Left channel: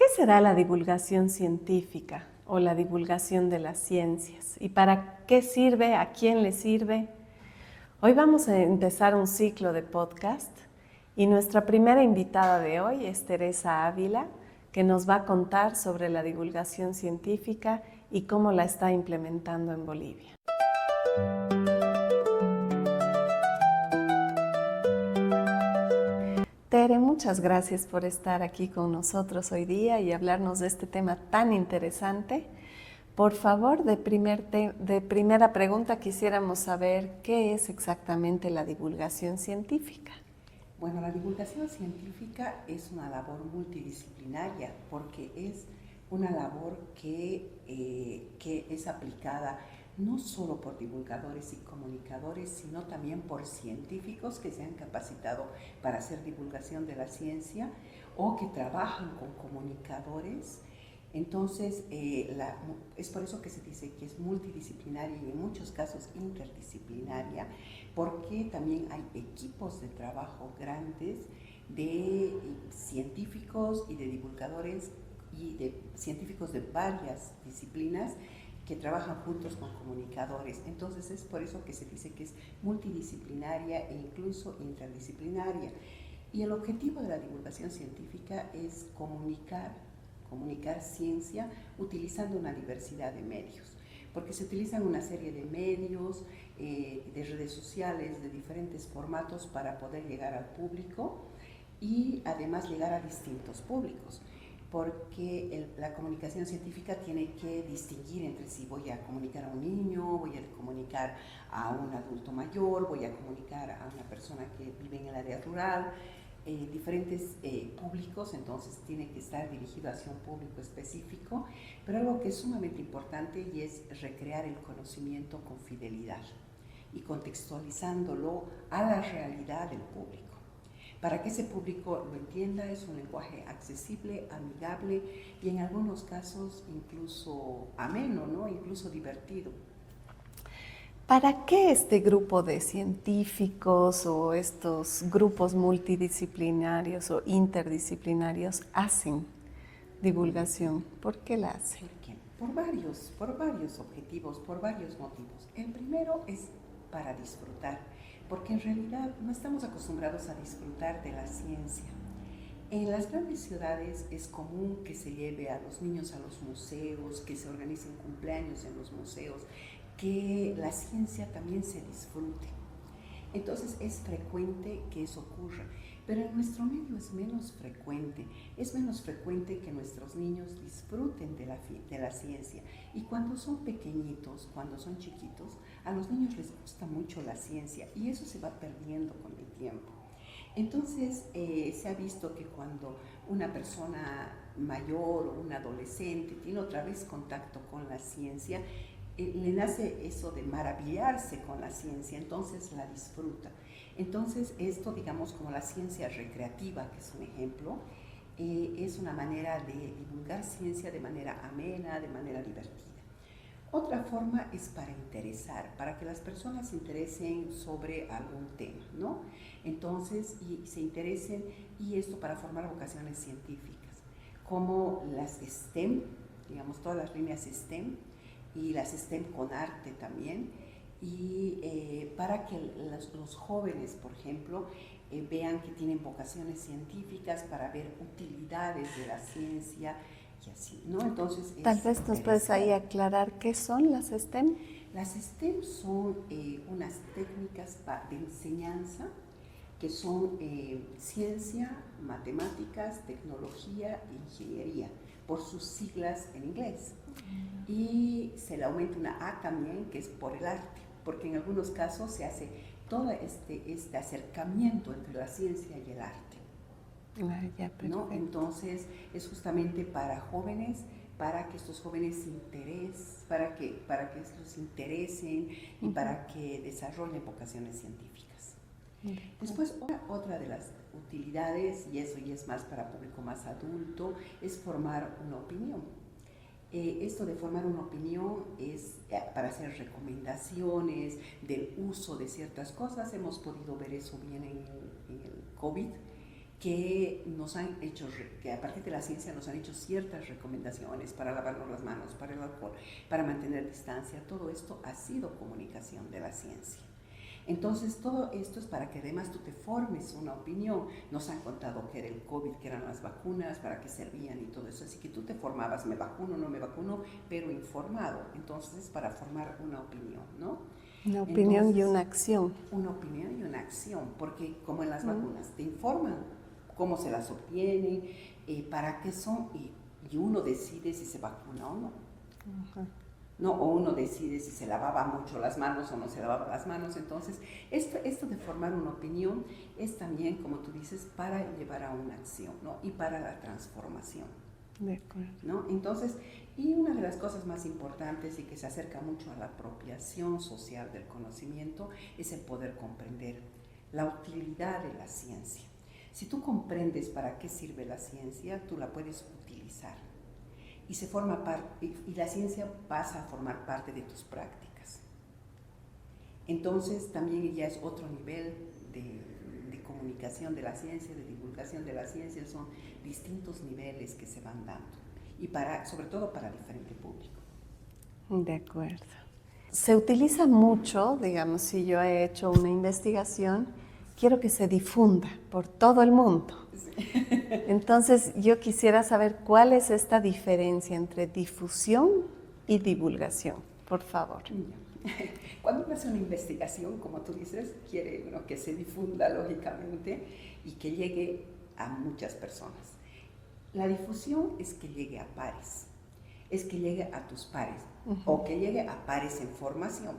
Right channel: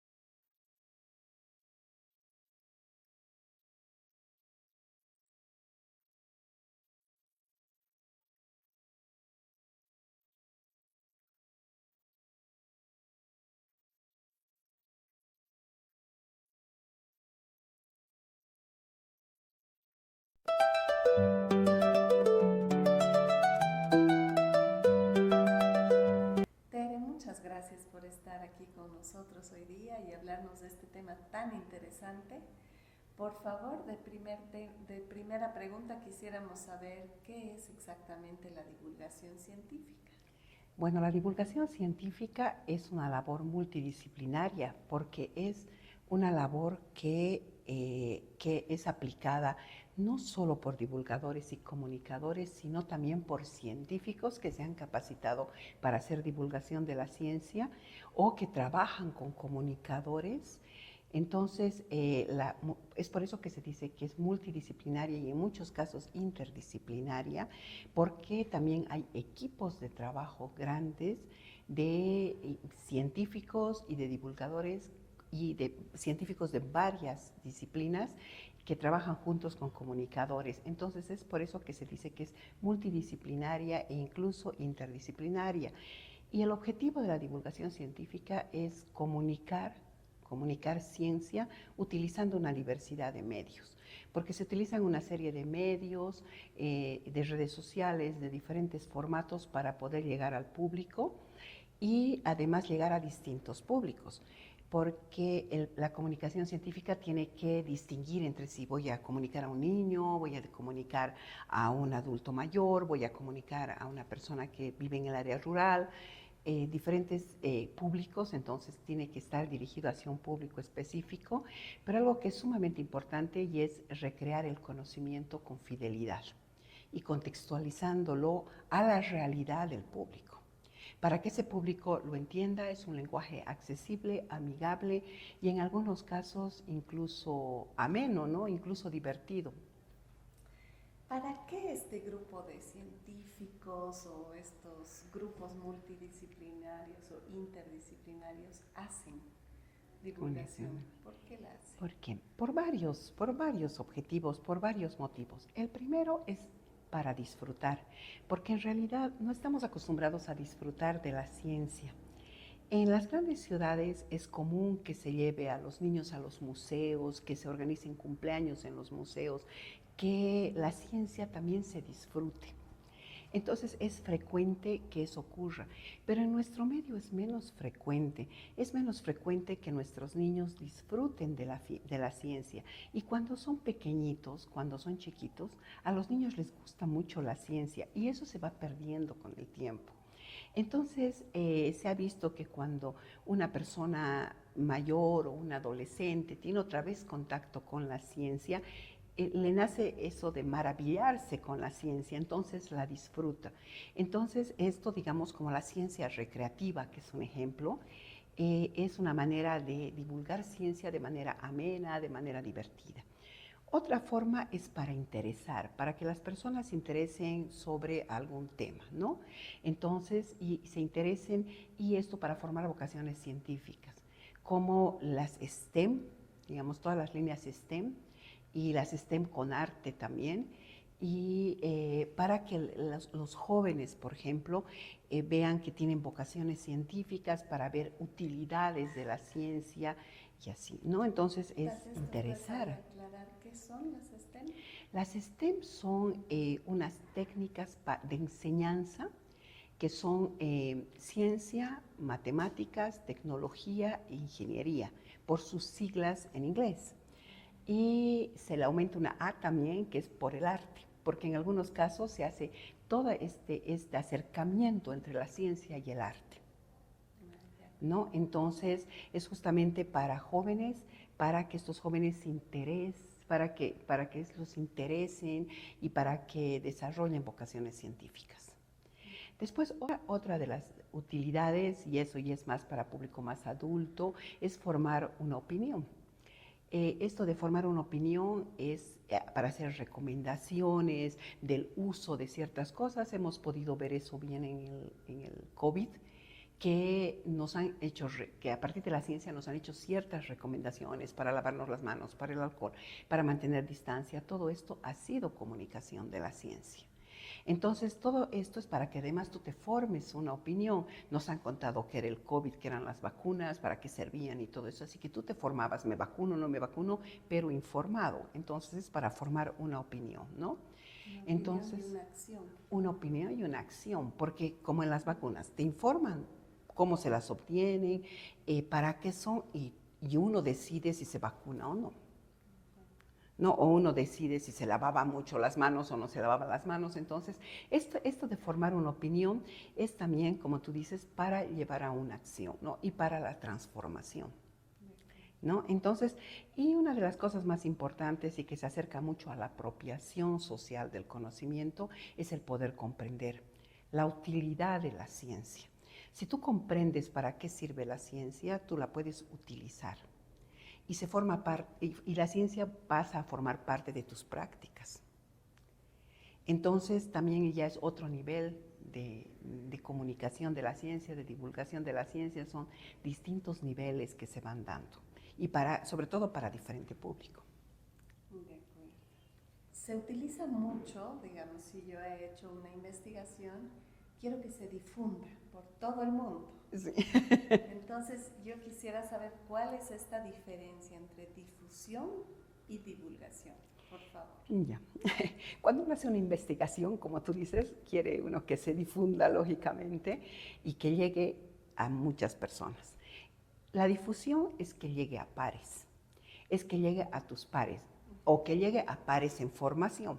¿Qué será la divulgación científica o la divulgación de las ciencias? ¿Y para qué sirve? ¿A quién le sirve? Hoy vamos a empezar un ciclo de podcast y nuestra primera invitada de hoy es Teresa Ávila, que nos va a contar sobre la divulgación científica y cómo la está implementando en Bolivia. Tere, muchas gracias por estar aquí con nosotros hoy día y hablarnos de este tema tan interesante. Por favor, de primera pregunta quisiéramos saber qué es exactamente la divulgación científica. Bueno, la divulgación científica es una labor multidisciplinaria porque es una labor que es aplicada no solo por divulgadores y comunicadores, sino también por científicos que se han capacitado para hacer divulgación de la ciencia o que trabajan con comunicadores. Entonces, es por eso que se dice que es multidisciplinaria y en muchos casos interdisciplinaria, porque también hay equipos de trabajo grandes de científicos y de divulgadores y de científicos de varias disciplinas que trabajan juntos con comunicadores. Entonces es por eso que se dice que es multidisciplinaria e incluso interdisciplinaria. Y el objetivo de la divulgación científica es comunicar ciencia utilizando una diversidad de medios, porque se utilizan una serie de medios, de redes sociales, de diferentes formatos para poder llegar al público y además llegar a distintos públicos, porque la comunicación científica tiene que distinguir entre si voy a comunicar a un niño, voy a comunicar a un adulto mayor, voy a comunicar a una persona que vive en el área rural, diferentes públicos, entonces tiene que estar dirigido hacia un público específico, pero algo que es sumamente importante y es recrear el conocimiento con fidelidad y contextualizándolo a la realidad del público. Para que ese público lo entienda, es un lenguaje accesible, amigable y en algunos casos incluso ameno, ¿no? Incluso divertido. ¿Para qué este grupo de científicos o estos grupos multidisciplinarios o interdisciplinarios hacen divulgación? ¿Por qué la hacen? ¿Por qué? Por varios objetivos, por varios motivos. El primero es para disfrutar, porque en realidad no estamos acostumbrados a disfrutar de la ciencia. En las grandes ciudades es común que se lleve a los niños a los museos, que se organicen cumpleaños en los museos, que la ciencia también se disfrute. Entonces es frecuente que eso ocurra, pero en nuestro medio es menos frecuente. Es menos frecuente que nuestros niños disfruten de la ciencia. Y cuando son pequeñitos, cuando son chiquitos, a los niños les gusta mucho la ciencia y eso se va perdiendo con el tiempo. Entonces se ha visto que cuando una persona mayor o un adolescente tiene otra vez contacto con la ciencia, le nace eso de maravillarse con la ciencia, entonces la disfruta. Entonces esto, digamos, como la ciencia recreativa, que es un ejemplo, es una manera de divulgar ciencia de manera amena, de manera divertida. Otra forma es para interesar, para que las personas se interesen sobre algún tema, ¿no? Entonces, y se interesen, y esto para formar vocaciones científicas, como las STEM, digamos, todas las líneas STEM, y las STEM con arte también, y para que los jóvenes, por ejemplo, vean que tienen vocaciones científicas para ver utilidades de la ciencia y así, ¿no? Entonces es Tal vez nos puedes ahí aclarar qué son las STEM. Las STEM son unas técnicas de enseñanza que son ciencia, matemáticas, tecnología e ingeniería, por sus siglas en inglés. Y se le aumenta una A también, que es por el arte, porque en algunos casos se hace todo este acercamiento entre la ciencia y el arte. ¿No? Entonces es justamente para jóvenes, para que estos jóvenes se interesen, para que los interesen y para que desarrollen vocaciones científicas. Después, otra de las utilidades, y eso ya es más para público más adulto, es formar una opinión. Esto de formar una opinión es para hacer recomendaciones del uso de ciertas cosas. Hemos podido ver eso bien en el COVID, que nos han hecho, que a partir de la ciencia nos han hecho ciertas recomendaciones para lavarnos las manos, para el alcohol, para mantener distancia. Todo esto ha sido comunicación de la ciencia. Entonces, todo esto es para que además tú te formes una opinión. Nos han contado qué era el COVID, qué eran las vacunas, para qué servían y todo eso. Así que tú te formabas, me vacuno, no me vacuno, pero informado. Entonces, es para formar una opinión, ¿no? Una opinión. Entonces, y una acción. Una opinión y una acción, porque como en las vacunas, te informan cómo se las obtienen, para qué son, y uno decide si se vacuna o no. ¿No? O uno decide si se lavaba mucho las manos o no se lavaba las manos. Entonces, esto de formar una opinión es también, como tú dices, para llevar a una acción, ¿no? Y para la transformación. De acuerdo. ¿No? Entonces, y una de las cosas más importantes y que se acerca mucho a la apropiación social del conocimiento es el poder comprender la utilidad de la ciencia. Si tú comprendes para qué sirve la ciencia, tú la puedes utilizar. Y se forma parte, y la ciencia pasa a formar parte de tus prácticas. Entonces también ya es otro nivel de comunicación de la ciencia, de divulgación de la ciencia, son distintos niveles que se van dando, y sobre todo para diferente público. De acuerdo. Se utiliza mucho, digamos, si yo he hecho una investigación, quiero que se difunda por todo el mundo. Sí. Entonces, yo quisiera saber cuál es esta diferencia entre difusión y divulgación, por favor. Ya. Cuando uno hace una investigación, como tú dices, quiere uno que se difunda lógicamente y que llegue a muchas personas. La difusión es que llegue a pares, es que llegue a tus pares, o que llegue a pares en formación.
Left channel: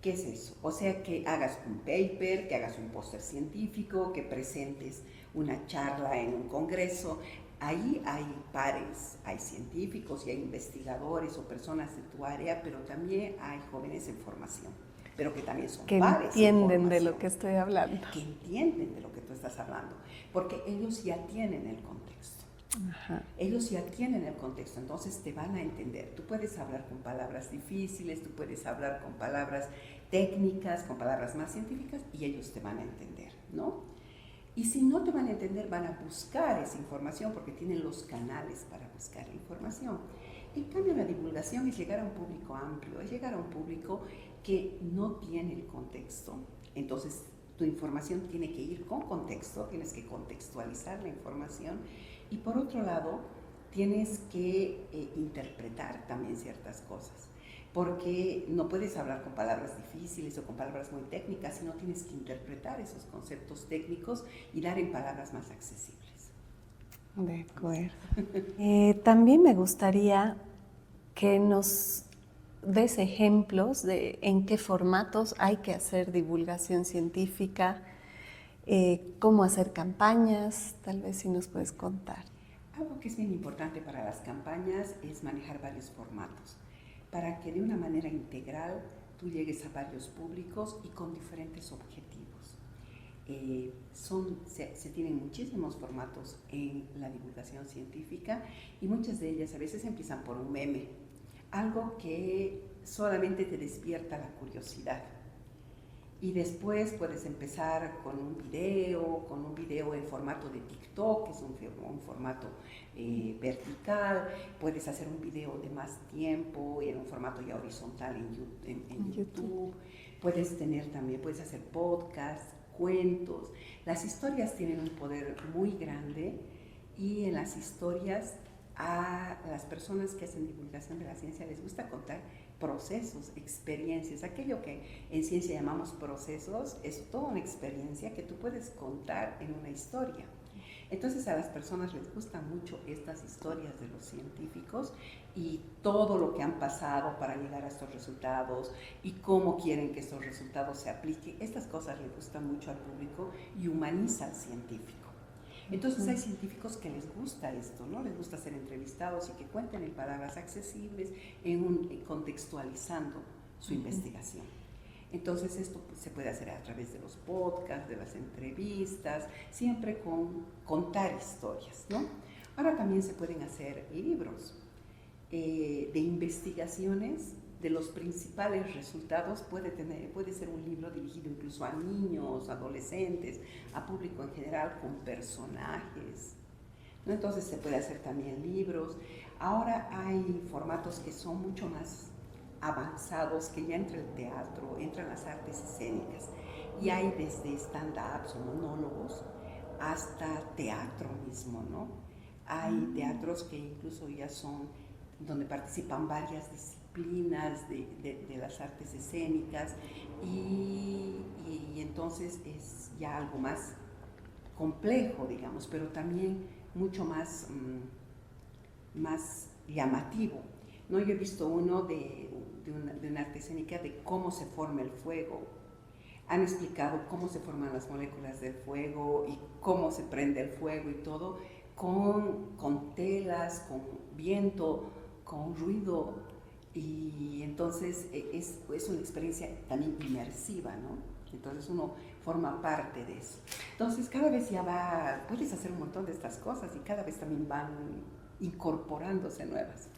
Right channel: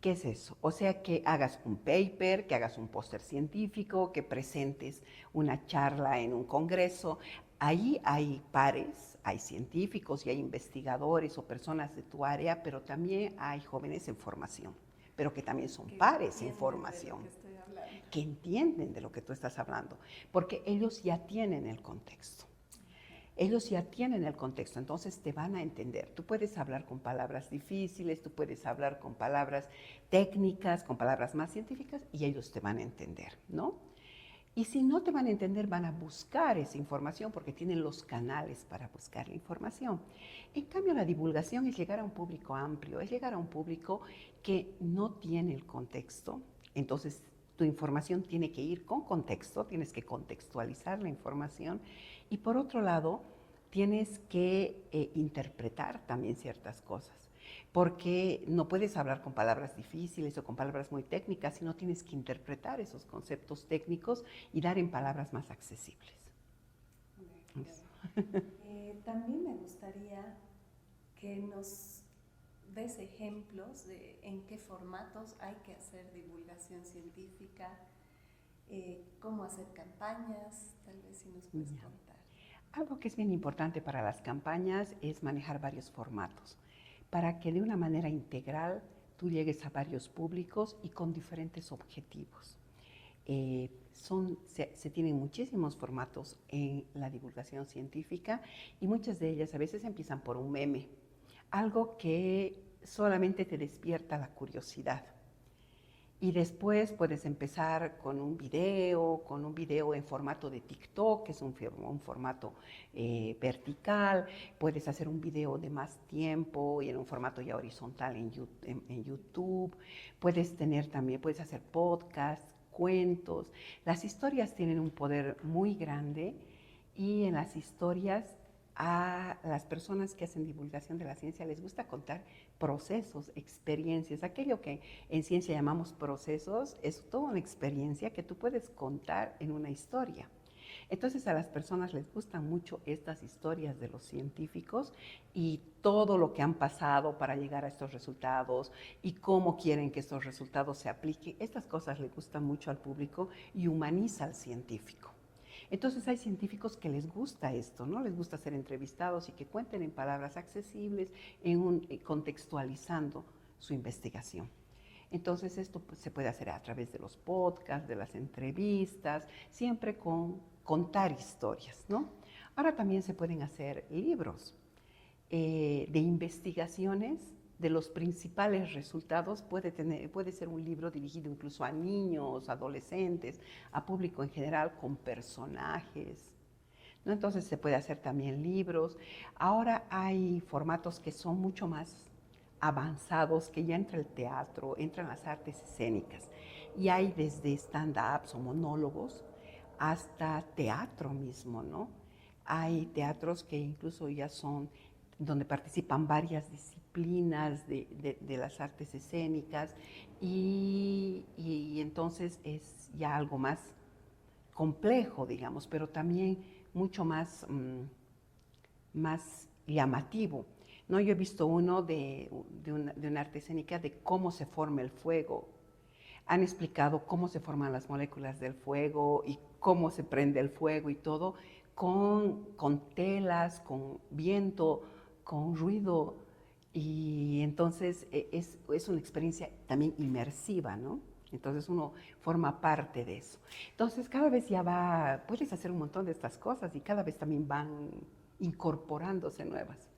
¿Qué es eso? O sea, que hagas un paper, que hagas un póster científico, que presentes una charla en un congreso. Ahí hay pares, hay científicos y hay investigadores o personas de tu área, pero también hay jóvenes en formación, pero que también son pares en formación. Que entienden de lo que estoy hablando. Que entienden de lo que tú estás hablando, porque ellos ya tienen el contexto. Ajá. Ellos ya tienen el contexto, entonces te van a entender. Tú puedes hablar con palabras difíciles, tú puedes hablar con palabras técnicas, con palabras más científicas, y ellos te van a entender, ¿no? Y si no te van a entender, van a buscar esa información porque tienen los canales para buscar la información. En cambio, la divulgación es llegar a un público amplio, es llegar a un público que no tiene el contexto. Entonces, tu información tiene que ir con contexto, tienes que contextualizar la información. Y por otro lado, tienes que interpretar también ciertas cosas, porque no puedes hablar con palabras difíciles o con palabras muy técnicas, sino tienes que interpretar esos conceptos técnicos y dar en palabras más accesibles. De acuerdo. También me gustaría que nos des ejemplos de en qué formatos hay que hacer divulgación científica, cómo hacer campañas, tal vez si nos puedes contar. Algo que es bien importante para las campañas es manejar varios formatos, para que de una manera integral tú llegues a varios públicos y con diferentes objetivos. Se tienen muchísimos formatos en la divulgación científica y muchas de ellas a veces empiezan por un meme, algo que solamente te despierta la curiosidad. Y después puedes empezar con un video en formato de TikTok, que es un formato vertical. Puedes hacer un video de más tiempo y en un formato ya horizontal en YouTube. Puedes hacer podcasts, cuentos. Las historias tienen un poder muy grande y en las historias a las personas que hacen divulgación de la ciencia les gusta contar procesos, experiencias. Aquello que en ciencia llamamos procesos es toda una experiencia que tú puedes contar en una historia. Entonces a las personas les gustan mucho estas historias de los científicos y todo lo que han pasado para llegar a estos resultados y cómo quieren que estos resultados se apliquen. Estas cosas les gustan mucho al público y humaniza al científico. Entonces hay científicos que les gusta esto, ¿no? Les gusta ser entrevistados y que cuenten en palabras accesibles, contextualizando su investigación. Entonces esto se puede hacer a través de los podcasts, de las entrevistas, siempre con contar historias, ¿no? Ahora también se pueden hacer libros de investigaciones de los principales resultados puede ser un libro dirigido incluso a niños, adolescentes, a público en general, con personajes, ¿no? Entonces se puede hacer también libros. Ahora hay formatos que son mucho más avanzados, que ya entra el teatro, entran las artes escénicas. Y hay desde stand-ups o monólogos hasta teatro mismo, ¿no? Hay teatros que incluso ya son donde participan varias disciplinas de las artes escénicas y entonces es ya algo más complejo, digamos, pero también mucho más, más llamativo, ¿no? Yo he visto uno de una arte escénica de cómo se forma el fuego. Han explicado cómo se forman las moléculas del fuego y cómo se prende el fuego y todo con telas, con viento, con ruido. Y entonces es una experiencia también inmersiva, ¿no? Entonces uno forma parte de eso. Entonces cada vez puedes hacer un montón de estas cosas y cada vez también van incorporándose nuevas.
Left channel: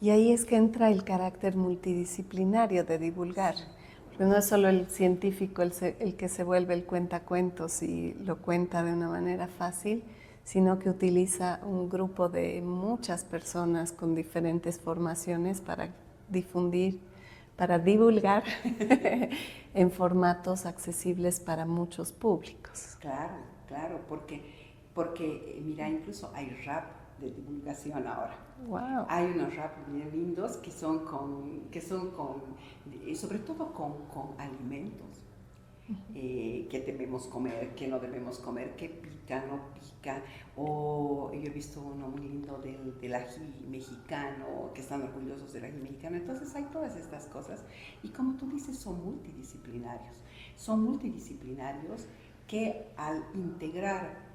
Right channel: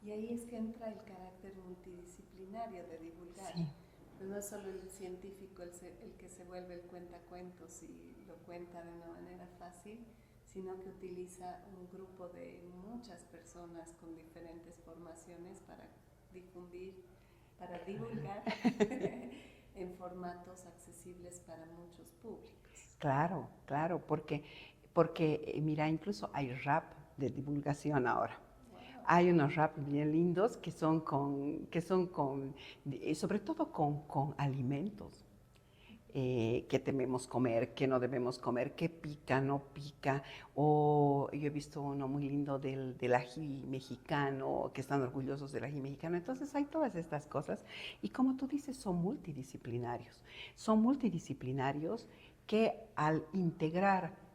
Y ahí es que entra el carácter multidisciplinario de divulgar. Sí. Porque no es solo el científico el que se vuelve el cuentacuentos y lo cuenta de una manera fácil, sino que utiliza un grupo de muchas personas con diferentes formaciones para difundir, para divulgar en formatos accesibles para muchos públicos. Claro, claro, porque mira, incluso hay rap de divulgación ahora. Wow. Hay unos rap bien lindos que son sobre todo con alimentos. Qué debemos comer, qué no debemos comer, qué pica, no pica. O yo he visto uno muy lindo del ají mexicano, que están orgullosos del ají mexicano. Entonces hay todas estas cosas y como tú dices, son multidisciplinarios. Son multidisciplinarios que al integrar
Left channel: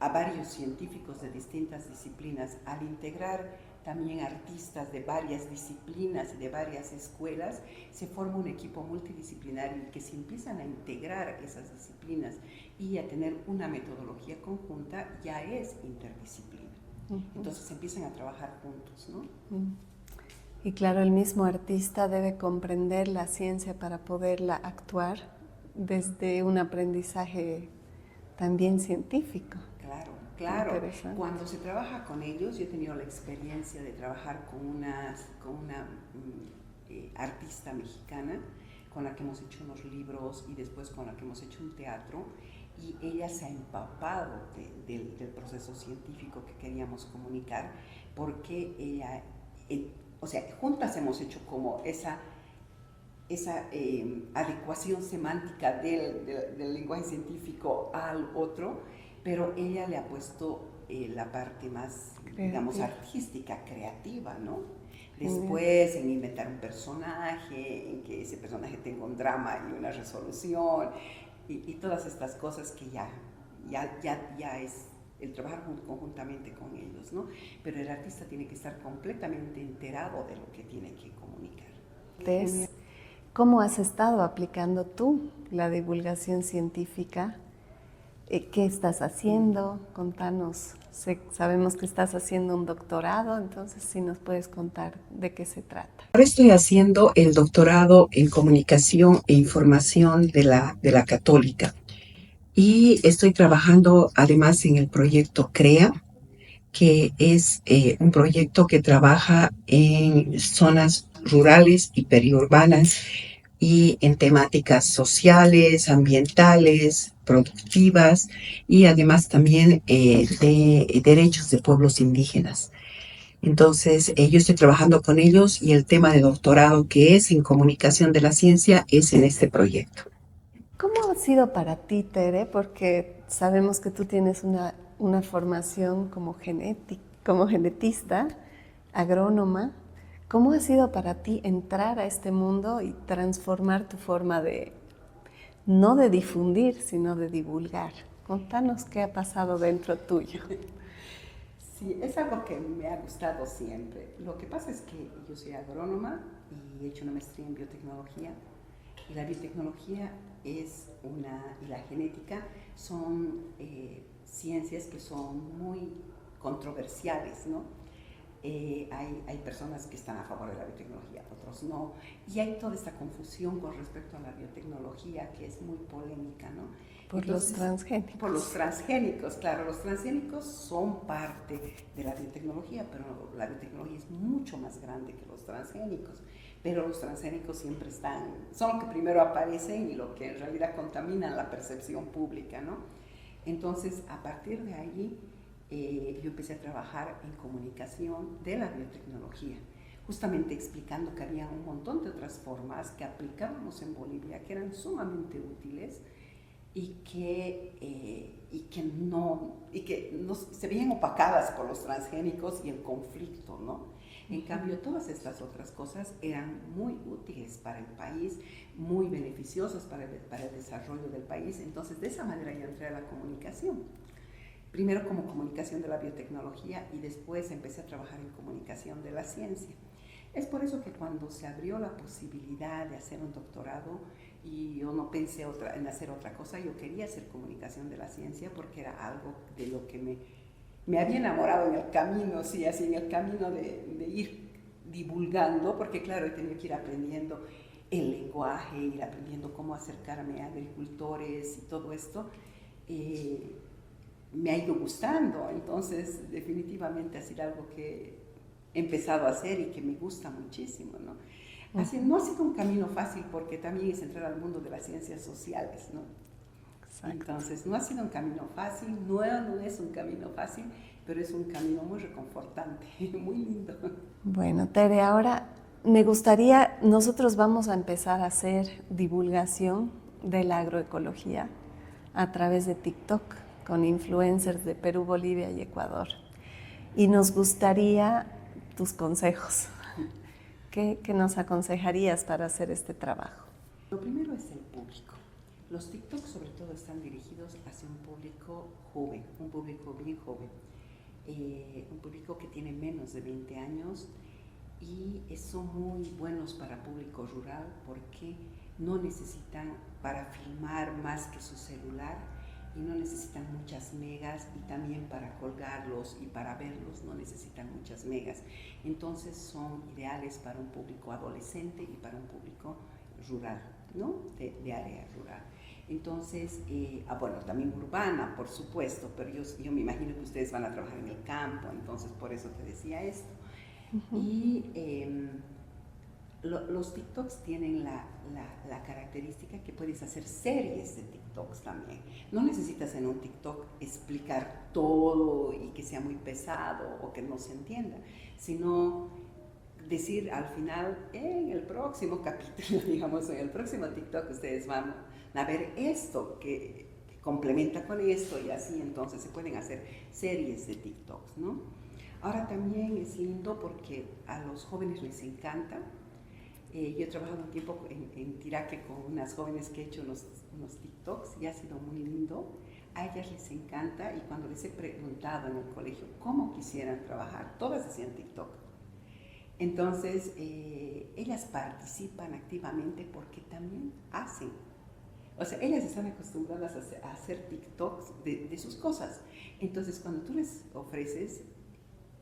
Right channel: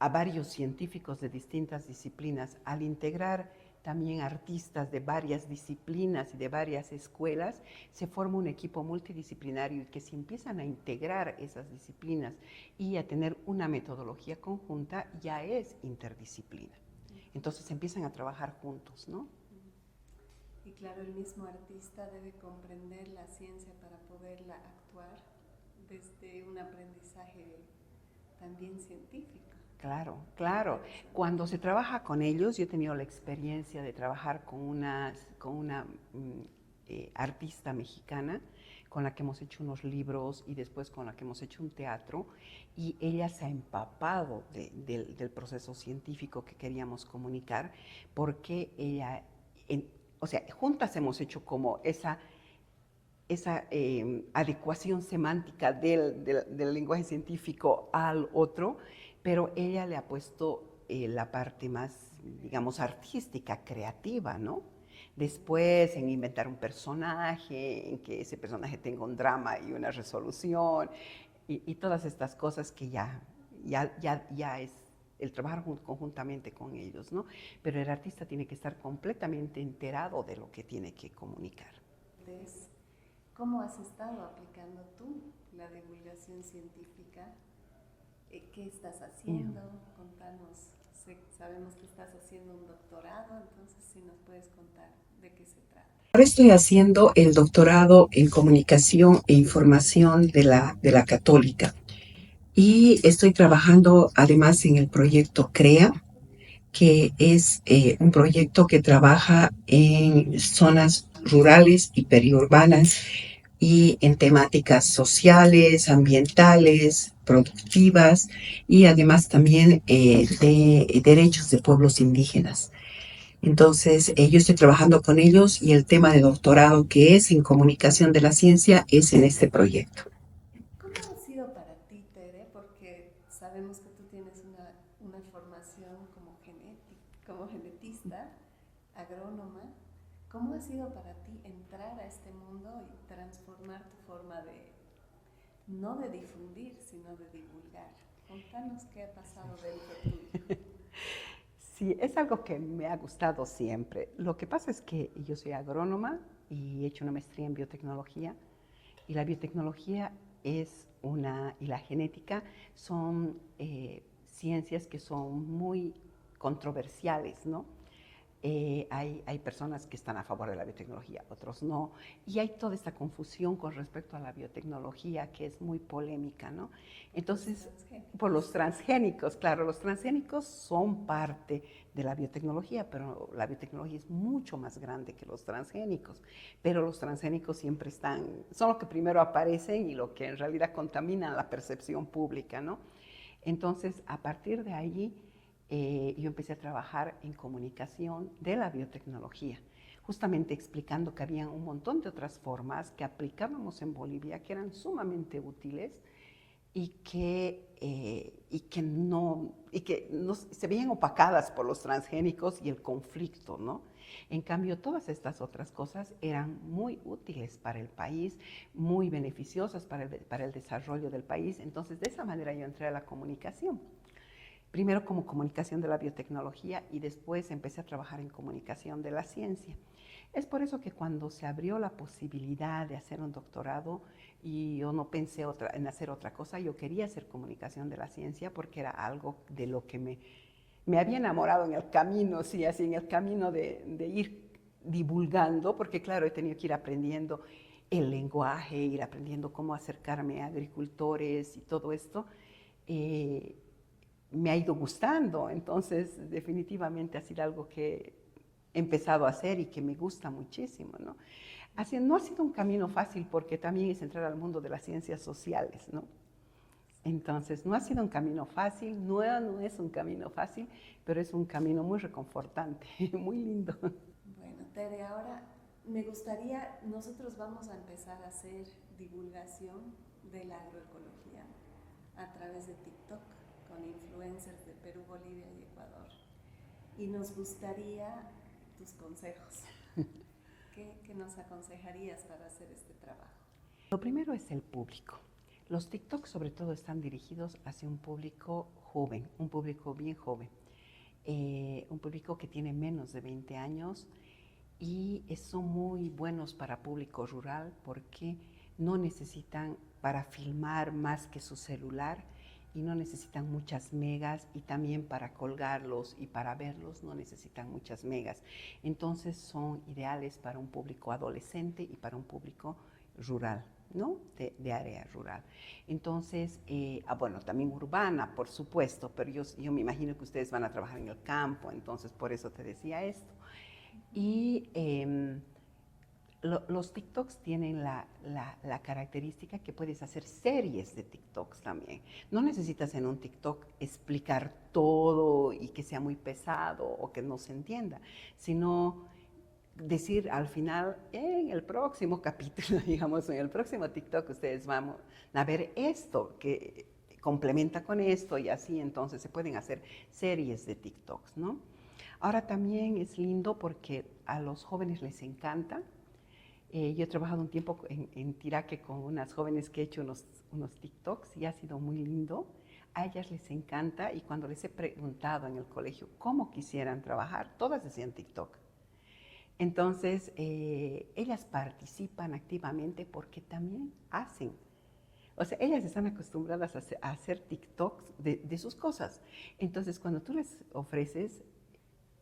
a varios científicos de distintas disciplinas, al integrar también artistas de varias disciplinas y de varias escuelas, se forma un equipo multidisciplinario y que se empiezan a integrar esas disciplinas y a tener una metodología conjunta, ya es interdisciplina. Entonces empiezan a trabajar juntos, ¿no? Y claro, el mismo artista debe comprender la ciencia para poderla actuar desde un aprendizaje también científico. Claro, claro. Cuando se trabaja con ellos, yo he tenido la experiencia de trabajar con una artista mexicana con la que hemos hecho unos libros y después con la que hemos hecho un teatro, y ella se ha empapado del proceso científico que queríamos comunicar, porque ella, o sea, juntas hemos hecho como esa adecuación semántica del lenguaje científico al otro, pero ella le ha puesto la parte más, digamos, artística, creativa, ¿no? Después en inventar un personaje, en que ese personaje tenga un drama y una resolución, y todas estas cosas que ya es el trabajar conjuntamente con ellos, ¿no? Pero el artista tiene que estar completamente enterado de lo que tiene que comunicar. ¿Cómo has estado aplicando tú la divulgación científica? ¿Qué estás haciendo? Contanos. Sabemos que estás haciendo un doctorado, entonces si nos puedes contar de qué se trata. Ahora estoy haciendo el doctorado en comunicación e información de la Católica y estoy trabajando además en el proyecto CREA, que es un proyecto que trabaja en zonas rurales y periurbanas y en temáticas sociales, ambientales, productivas y además también de derechos de pueblos indígenas. Entonces, yo estoy trabajando con ellos y el tema de doctorado que es en comunicación de la ciencia es en este proyecto. ¿Cómo ha sido para ti, Tere? Porque sabemos que tú tienes una formación como genetista, agrónoma. ¿Cómo ha sido para ti entrar a este mundo y transformar tu forma no de difundir, sino de divulgar? Contanos qué ha pasado dentro tuyo. Sí, es algo que me ha gustado siempre. Lo que pasa es que yo soy agrónoma y he hecho una maestría en biotecnología. Y la biotecnología y la genética son ciencias que son muy controversiales, ¿no? hay personas que están a favor de la biotecnología, otros no, y hay toda esta confusión con respecto a la biotecnología que es muy polémica, ¿no? Entonces, los transgénicos. Por los transgénicos, claro, los transgénicos son parte de la biotecnología, pero la biotecnología es mucho más grande que los transgénicos, pero los transgénicos siempre son lo que primero aparecen y lo que en realidad contamina la percepción pública, ¿no? Entonces, a partir de allí, yo empecé a trabajar en comunicación de la biotecnología, justamente explicando que había un montón de otras formas que aplicábamos en Bolivia que eran sumamente útiles y que no se veían opacadas por los transgénicos y el conflicto, ¿no? En cambio, todas estas otras cosas eran muy útiles para el país, muy beneficiosas para el desarrollo del país. Entonces, de esa manera yo entré a la comunicación. Primero como comunicación de la biotecnología y después empecé a trabajar en comunicación de la ciencia. Es por eso que cuando se abrió la posibilidad de hacer un doctorado, y yo no pensé en hacer otra cosa, yo quería hacer comunicación de la ciencia porque era algo de lo que me había enamorado en el camino, sí, así en el camino de ir divulgando, porque claro, he tenido que ir aprendiendo el lenguaje, ir aprendiendo cómo acercarme a agricultores y todo esto. Me ha ido gustando, entonces definitivamente ha sido algo que he empezado a hacer y que me gusta muchísimo, ¿no? Así, no ha sido un camino fácil porque también es entrar al mundo de las ciencias sociales, ¿no? Exacto. Entonces, no ha sido un camino fácil, no es un camino fácil, pero es un camino muy reconfortante, muy lindo. Bueno, Tere, ahora me gustaría, nosotros vamos a empezar a hacer divulgación de la agroecología a través de TikTok con influencers de Perú, Bolivia y Ecuador. Y nos gustaría tus consejos. ¿Qué nos aconsejarías para hacer este trabajo? Lo primero es el público. Los TikToks sobre todo están dirigidos hacia un público joven, un público bien joven, un público que tiene menos de 20 años y son muy buenos para público rural porque no necesitan para filmar más que su celular y no necesitan muchas megas y también para colgarlos y para verlos no necesitan muchas megas. Entonces son ideales para un público adolescente y para un público rural, ¿no? De área rural. Entonces, bueno, también urbana, por supuesto, pero yo me imagino que ustedes van a trabajar en el campo, entonces por eso te decía esto. Y los TikToks tienen la característica que puedes hacer series de TikToks también. No necesitas en un TikTok explicar todo y que sea muy pesado o que no se entienda, sino decir al final, en el próximo capítulo, digamos, en el próximo TikTok ustedes van a ver esto que complementa con esto y así, entonces se pueden hacer series de TikToks, ¿no? Ahora también es lindo porque a los jóvenes les encanta. Yo he trabajado un tiempo en Tiraque con unas jóvenes que he hecho unos TikToks y ha sido muy lindo. A ellas les encanta y cuando les he preguntado en el colegio cómo quisieran trabajar, todas decían TikTok. Entonces, ellas participan activamente porque también hacen. O sea, ellas están acostumbradas a hacer TikToks de sus cosas. Entonces, cuando tú les ofreces,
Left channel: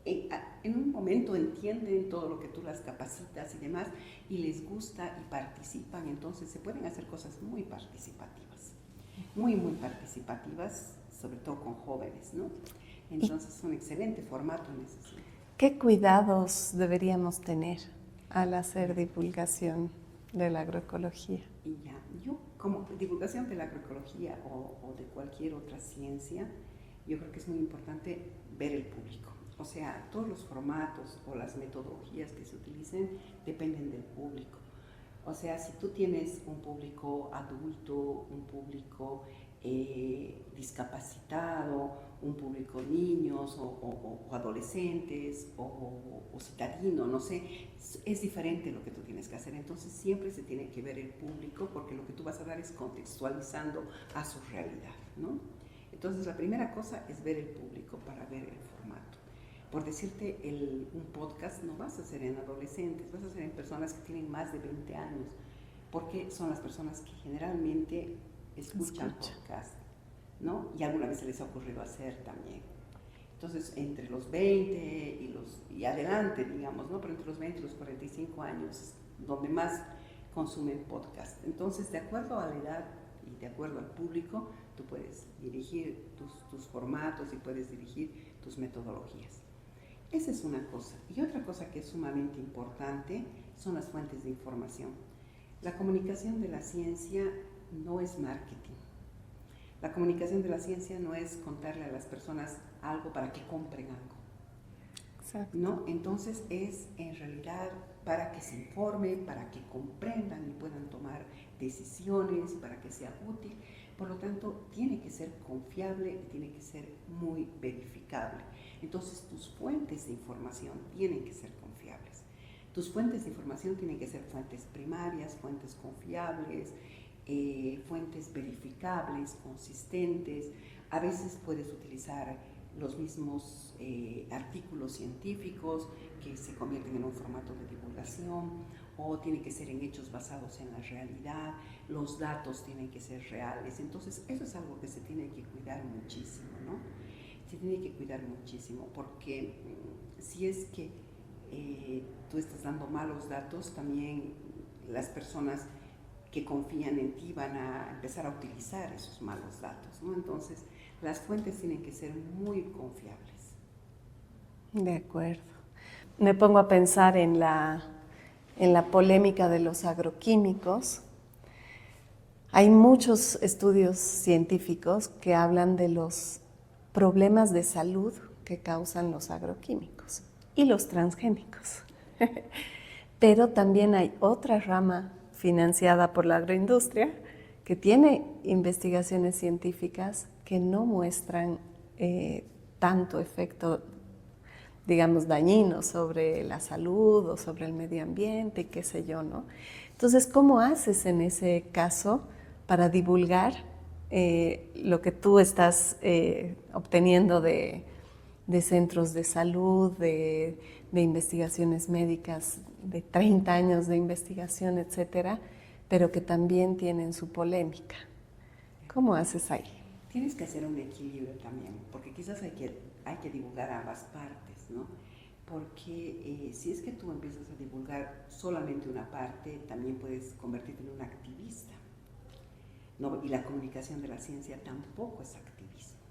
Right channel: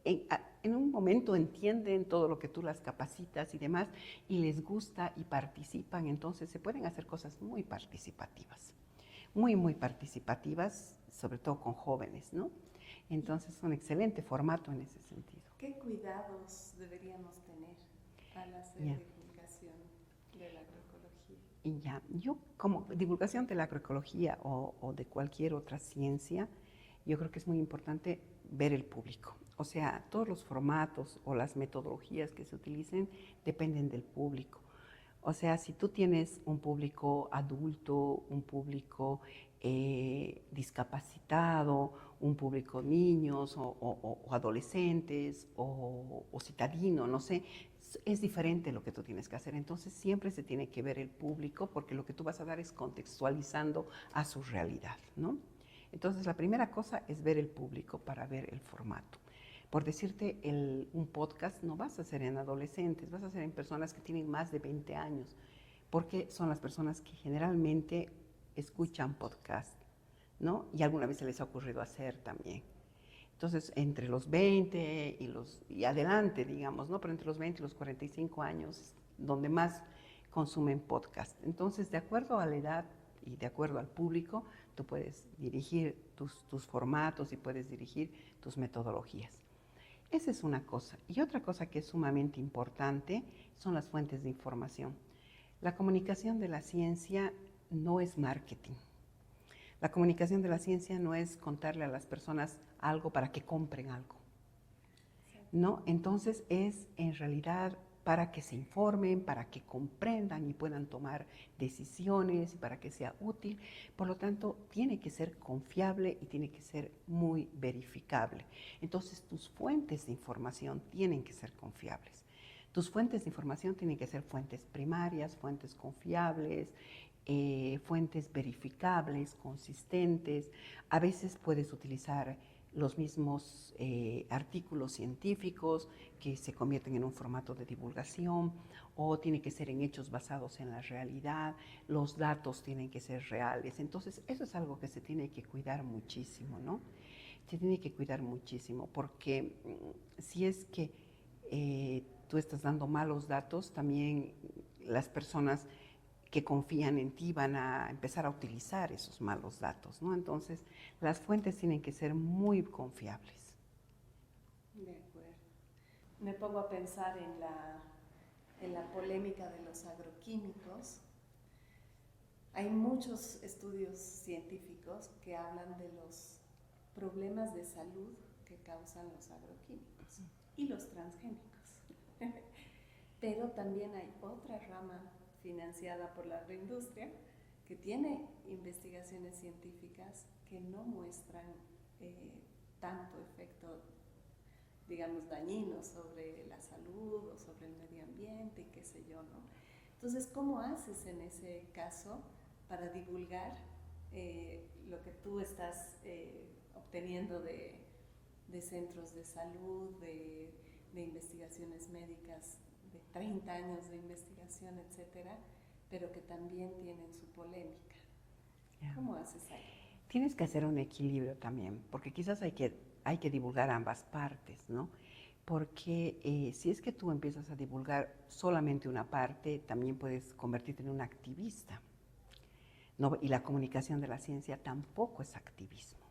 en un momento entienden todo lo que tú las capacitas y demás, y les gusta y participan, entonces se pueden hacer cosas muy participativas, muy participativas, sobre todo con jóvenes, ¿no? Entonces es un excelente formato en ese sentido. ¿Qué cuidados deberíamos tener al hacer divulgación de la agroecología? Y ya, yo como divulgación de la agroecología o de cualquier otra ciencia, yo creo que es muy importante ver el público. O sea, todos los formatos o las metodologías que se utilicen dependen del público. O sea, si tú tienes un público adulto, un público discapacitado, un público niños o adolescentes o citadino, no sé, es diferente lo que tú tienes que hacer. Entonces siempre se tiene que ver el público porque lo que tú vas a dar es contextualizando a su realidad, ¿no? Entonces la primera cosa es ver el público para ver el formato. Por decirte, un podcast no vas a hacer en adolescentes, vas a hacer en personas que tienen más de 20 años, porque son las personas que generalmente escuchan podcast, ¿no? Y alguna vez se les ha ocurrido hacer también. Entonces, entre los 20 y y adelante, digamos, ¿no? Pero entre los 20 y los 45 años, donde más consumen podcast. Entonces, de acuerdo a la edad y de acuerdo al público, tú puedes dirigir tus formatos y puedes dirigir tus metodologías. Esa es una cosa. Y otra cosa que es sumamente importante son las fuentes de información. La comunicación de la ciencia no es marketing. La comunicación de la ciencia no es contarle a las personas algo para que compren algo. Exacto. ¿No? Entonces es en realidad para que se informen, para que comprendan y puedan tomar decisiones, para que sea útil. Por lo tanto, tiene que ser confiable y tiene que ser muy verificable. Entonces, tus fuentes de información tienen que ser confiables. Tus fuentes de información tienen que ser fuentes primarias, fuentes confiables, fuentes verificables, consistentes. A veces puedes utilizar los mismos artículos científicos que se convierten en un formato de divulgación, o tiene que ser en hechos basados en la realidad, los datos tienen que ser reales. Entonces, eso es algo que se tiene que cuidar muchísimo, ¿no? Se tiene que cuidar muchísimo, porque si es que tú estás dando malos datos, también las personas que confían en ti van a empezar a utilizar esos malos datos, ¿no? Entonces, las fuentes tienen que ser muy confiables. De acuerdo. Me pongo a pensar en la polémica de los agroquímicos. Hay muchos estudios científicos que hablan de los problemas de salud que causan los agroquímicos y los transgénicos. Pero también hay otra rama financiada por la agroindustria que tiene investigaciones científicas que no muestran tanto efecto, digamos, dañino sobre la salud o sobre el medio ambiente, qué sé yo, ¿no? Entonces, ¿cómo haces en ese caso para divulgar lo que tú estás obteniendo de centros de salud, de investigaciones médicas, de 30 años de investigación, etcétera, pero que también tienen su polémica? ¿Cómo haces ahí? Tienes que hacer un equilibrio también, porque quizás hay que divulgar ambas partes, ¿no? Porque si es que tú empiezas a divulgar solamente una parte, también puedes convertirte en un activista, ¿no? Y la comunicación de la ciencia tampoco es activismo.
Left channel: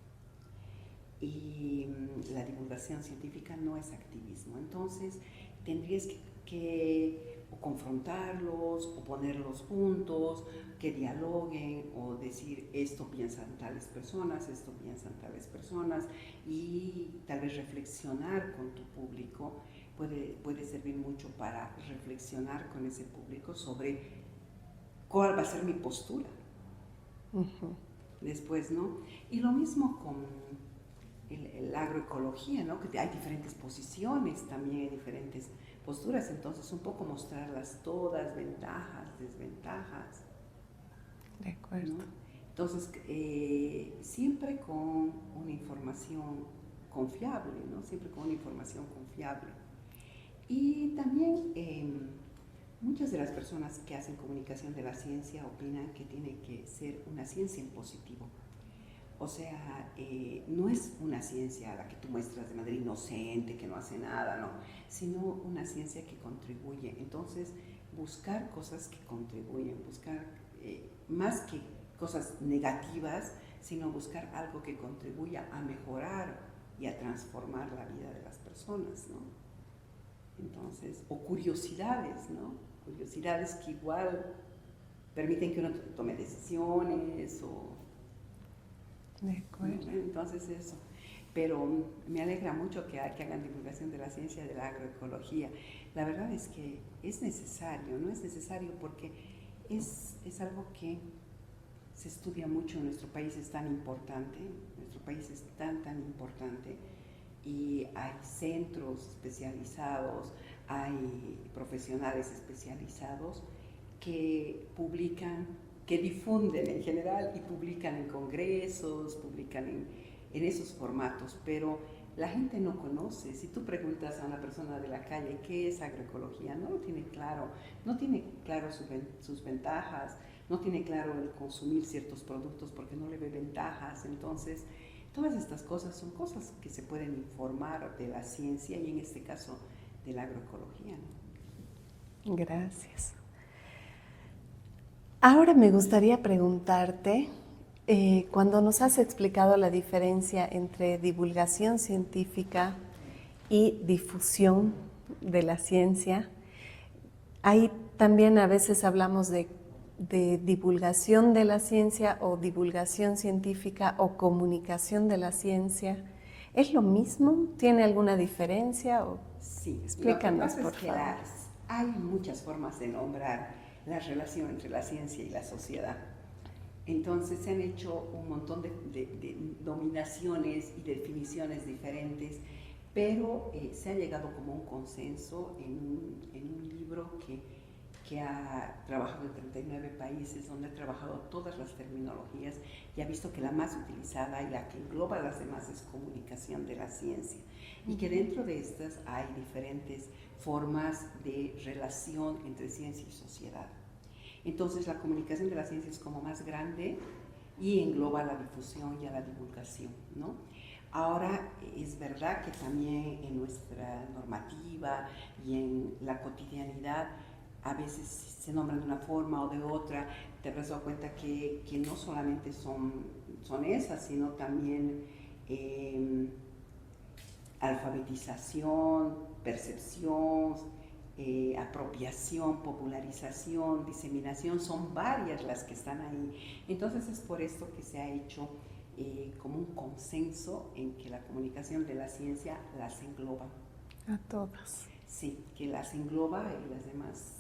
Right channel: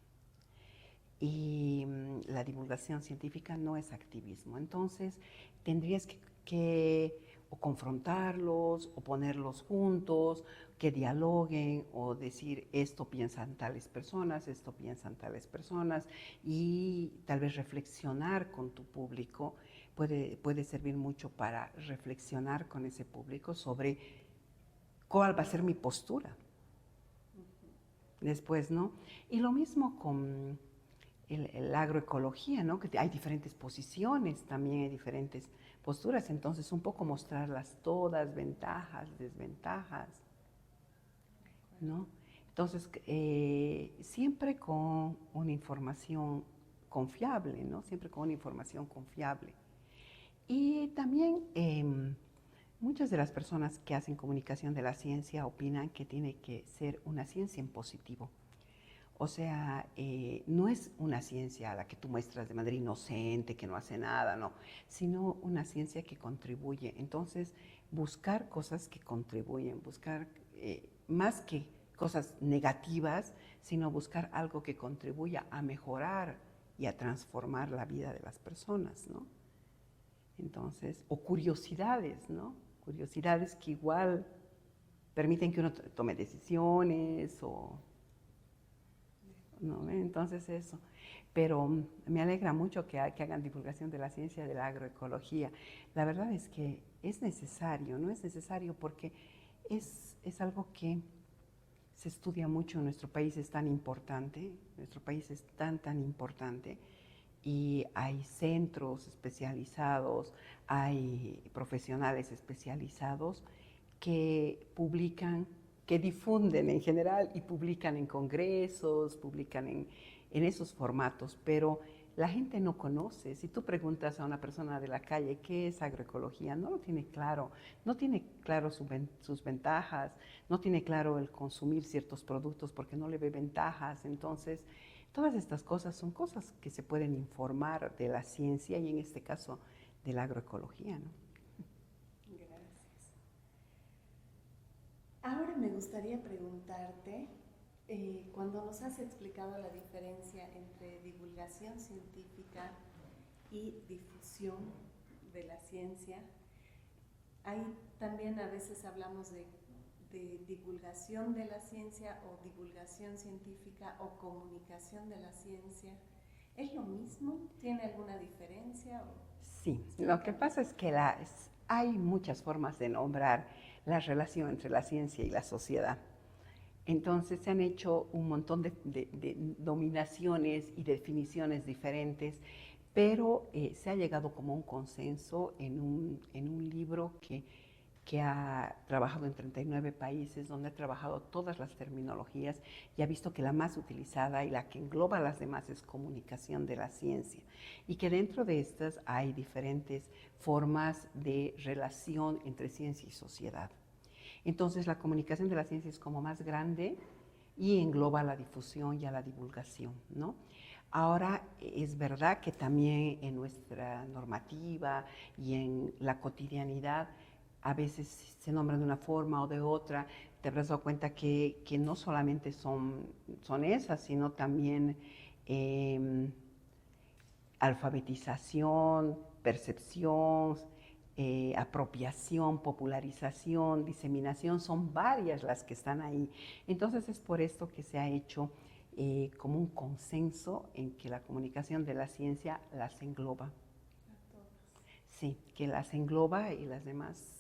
Y la divulgación científica no es activismo. Entonces, tendrías que o confrontarlos o ponerlos juntos, que dialoguen o decir esto piensan tales personas, esto piensan tales personas, y tal vez reflexionar con tu público puede servir mucho para reflexionar con ese público sobre cuál va a ser mi postura. Después, ¿no? Y lo mismo con la agroecología, ¿no? Que hay diferentes posiciones también, hay diferentes posturas, entonces un poco mostrarlas todas, ventajas, desventajas. De acuerdo. ¿No? Entonces, siempre con una información confiable, ¿no? Siempre con una información confiable. Y también muchas de las personas que hacen comunicación de la ciencia opinan que tiene que ser una ciencia en positivo. O sea, no es una ciencia a la que tú muestras de manera inocente, que no hace nada, no, sino una ciencia que contribuye. Entonces, buscar cosas que contribuyen, buscar más que cosas negativas, sino buscar algo que contribuya a mejorar y a transformar la vida de las personas, ¿no? Entonces, o curiosidades, ¿no? Curiosidades que igual permiten que uno tome decisiones o... De acuerdo. ¿no? Entonces eso. Pero me alegra mucho que hagan divulgación de la ciencia de la agroecología. La verdad es que es necesario, ¿no? Es necesario porque es algo que se estudia mucho en nuestro país, es tan importante, nuestro país es tan importante, y hay centros especializados, hay profesionales especializados que publican, que difunden en general y publican en congresos, publican en esos formatos, pero la gente no conoce. Si tú preguntas a una persona de la calle qué es agroecología, no lo tiene claro, no tiene claro sus ventajas, no tiene claro el consumir ciertos productos porque no le ve ventajas. Entonces Todas estas cosas son cosas que se pueden informar de la ciencia y en este caso de la agroecología, ¿no? Gracias. Ahora me gustaría preguntarte, cuando nos has explicado la diferencia entre divulgación científica y difusión de la ciencia, ahí también a veces hablamos de divulgación de la ciencia o divulgación científica o comunicación de la ciencia. ¿Es lo mismo? ¿Tiene alguna diferencia? Sí, explícanos, lo que pasa es por que favor. hay muchas formas de nombrar la relación entre la ciencia y la sociedad. Entonces se han hecho un montón de dominaciones y definiciones diferentes, pero se ha llegado como un consenso en un libro que ha trabajado en 39 países, donde ha trabajado todas las terminologías y ha visto que la más utilizada y la que engloba a las demás es comunicación de la ciencia. Y que dentro de estas hay diferentes formas de relación entre ciencia y sociedad. Entonces la comunicación de la ciencia es como más grande y engloba la difusión y a la divulgación, ¿no? Ahora, es verdad que también en nuestra normativa y en la cotidianidad a veces se nombran de una forma o de otra. Te habrás dado cuenta que no solamente son esas, sino también alfabetización, percepción, apropiación, popularización, diseminación, son varias las que están ahí. Entonces es por esto que se ha hecho como un consenso en que la comunicación de la ciencia las engloba. A todas. Sí, que las engloba y las demás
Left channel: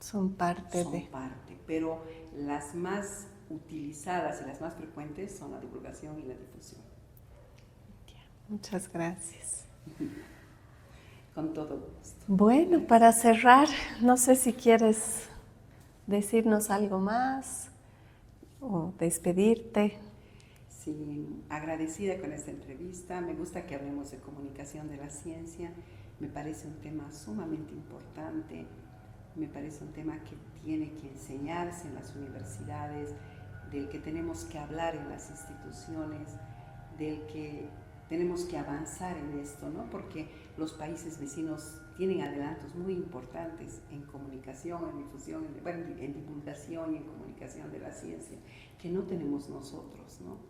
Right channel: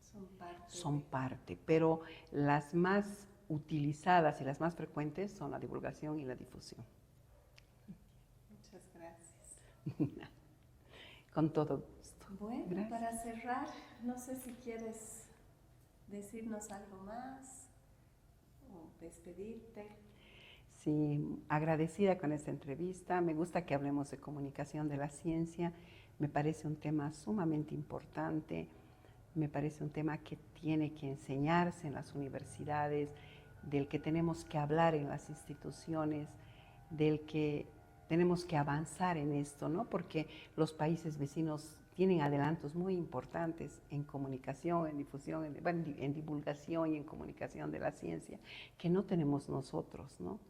son parte, pero las más utilizadas y las más frecuentes son la divulgación y la difusión. Muchas gracias. Con todo gusto. Bueno, gracias. Para cerrar, no sé si quieres decirnos algo más o despedirte. Sí, agradecida con esta entrevista. Me gusta que hablemos de comunicación de la ciencia. Me parece un tema sumamente importante. Me parece un tema que tiene que enseñarse en las universidades, del que tenemos que hablar en las instituciones, del que tenemos que avanzar en esto, ¿no? Porque los países vecinos tienen adelantos muy importantes en comunicación, en difusión, en divulgación y en comunicación de la ciencia, que no tenemos nosotros, ¿no?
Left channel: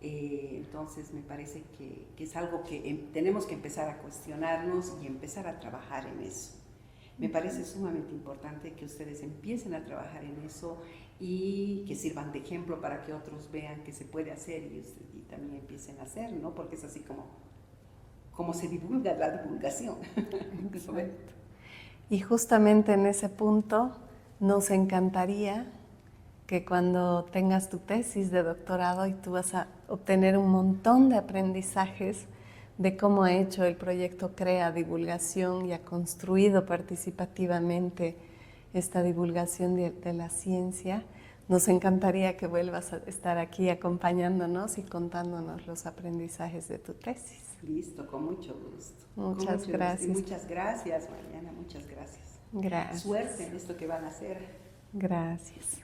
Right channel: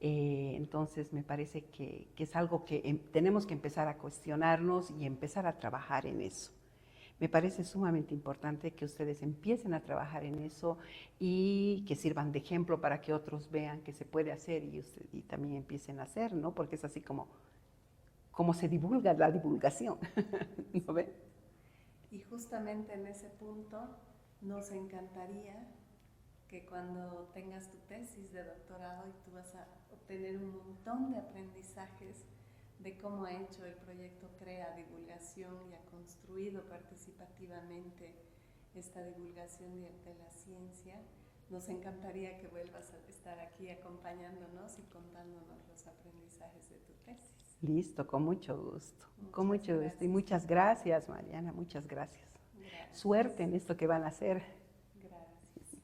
Entonces me parece que es algo que tenemos que empezar a cuestionarnos y empezar a trabajar en eso. Me parece sumamente importante que ustedes empiecen a trabajar en eso y que sirvan de ejemplo para que otros vean que se puede hacer y también empiecen a hacer, ¿no? Porque es así como se divulga la divulgación. Y justamente en ese punto nos encantaría que cuando tengas tu tesis de doctorado y tú vas a obtener un montón de aprendizajes de cómo ha hecho el proyecto CREA Divulgación y ha construido participativamente esta divulgación de la ciencia, nos encantaría que vuelvas a estar aquí acompañándonos y contándonos los aprendizajes de tu tesis. Listo, con mucho gusto. Muchas gracias. Muchas gracias, Mariana, muchas gracias. Gracias. Suerte en esto que van a hacer. Gracias.